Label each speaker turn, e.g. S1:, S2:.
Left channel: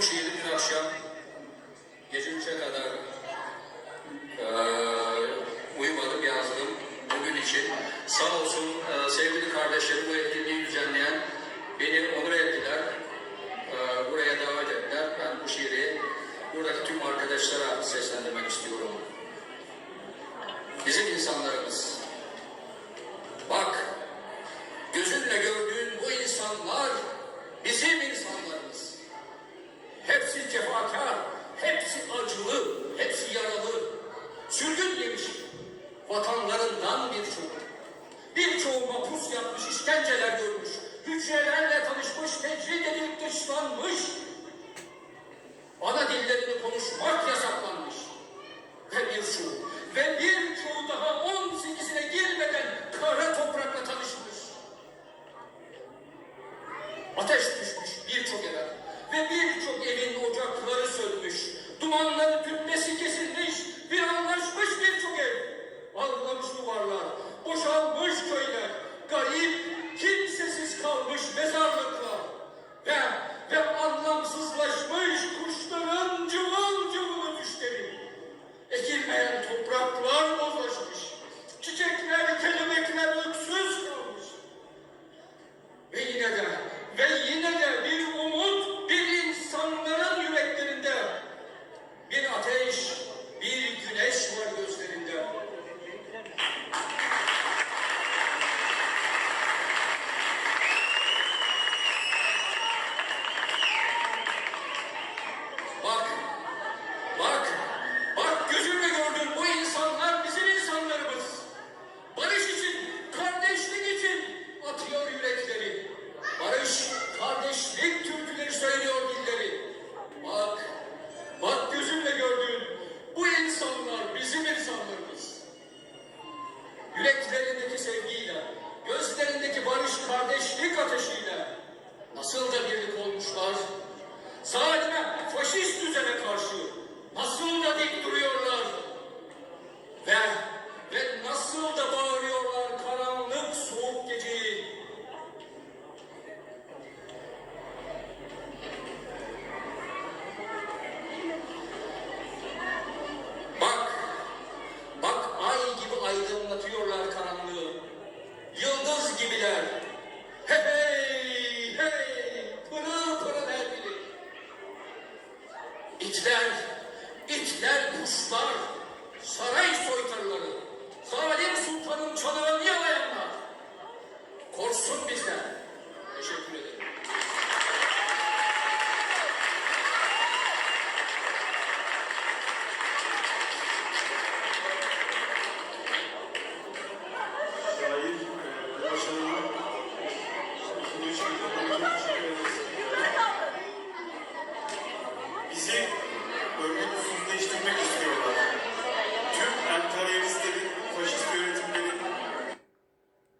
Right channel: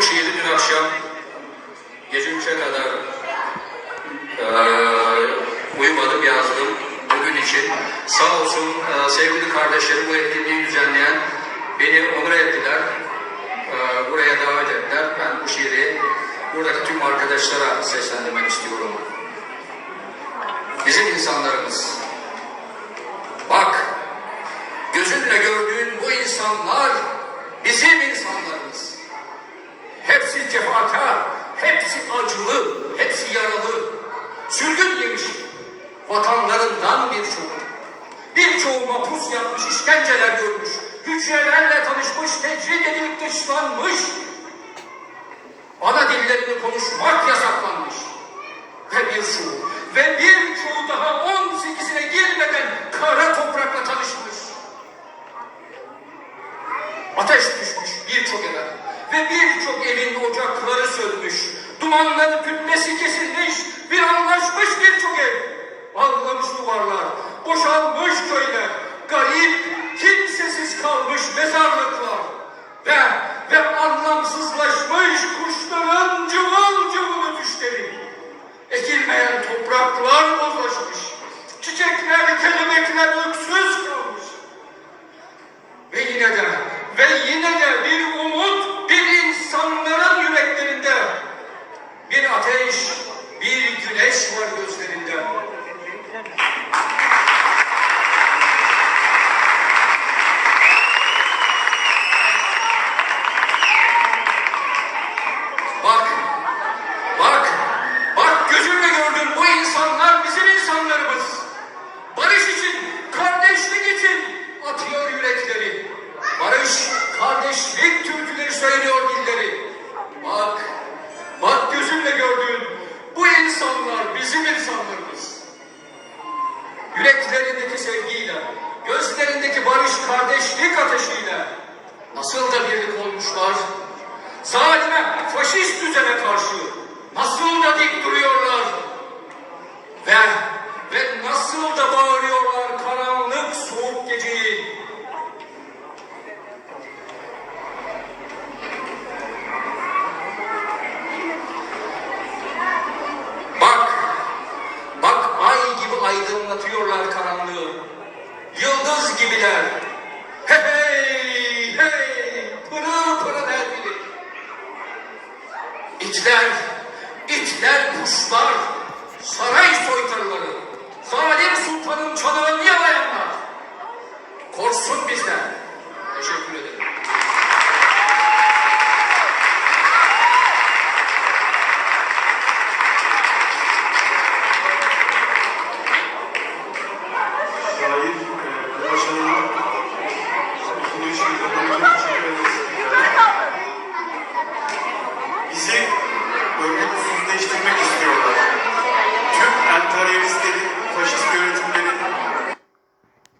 S1: bu şiiri dün akşam gece 3'e kadar eee uyumadım yazdım bugün için. Sağ olsun eee, sevgili kardeşlerim bu etkinliği düzenleyen beni onur ettiler. Eee, buraya davet ettiler. Ben bu şiiri buradaki tüm arkadaşlara seslendirmek istiyorum. Bizim insanlarımız. Bak, gözünle gördüğün bu insanlar bizim insanlarımız. Hepsi cefakar, hepsi acılı, hepsi yaralı. Sürgün yemiş, vatanlarından birçoğu. Birçoğu mapus yapmış, işkenceler görmüş. Hücrelerle tanışmış, tecrit edilip dışlanmış. Ana dillerini konuşmak yasaklanmış. Ve bir şu, ve birçoğu daha 18'ine girmeden kara toprakla tanışmış. Ateş düşmüş birçok eve ve birçok evin ocakları sönmüş. Dumanların kütlesi kesilmiş, bir anlaşmış birçok ev. Ağlamış duvarlar, boşalmış köyler, garip, kimsesiz kalmış mezarlıklar. Ve, ve anlamsızlaşmış kuşların cıvıl cıvıl ötüşleri. Ekilmeyen topraklar bozlaşmış. Çiçekler, kelebekler öksüz kalmış. Ve yine de, ve yine de bir umut, bir insanların yüreklerinde. Bir ateş, bir güneş var gözlerinde. Bak, bak, bak gözünle gördün bu insanlar bizim insanlarımız. Barış için, kardeşlik için atıyor yürekleri. Barış, kardeşlik türküleri söylüyor dilleri. Bak, bak gözünle gördüğün bu insanlar bizim insanlarımız. Yüreklerindeki sevgiyle, gözlerindeki barış, kardeşlik ateşiyle nasıl da birlik olmuşlar. Zalime, faşist düzene karşı nasıl da dik duruyorlar. Ve, Yıldız gibiler. Hey hey hey, pırıl pırıl her biri. İtler, itler kuşlar, saray soytarıları,
S2: Bizi örnek usulü değiştirmek istiyor.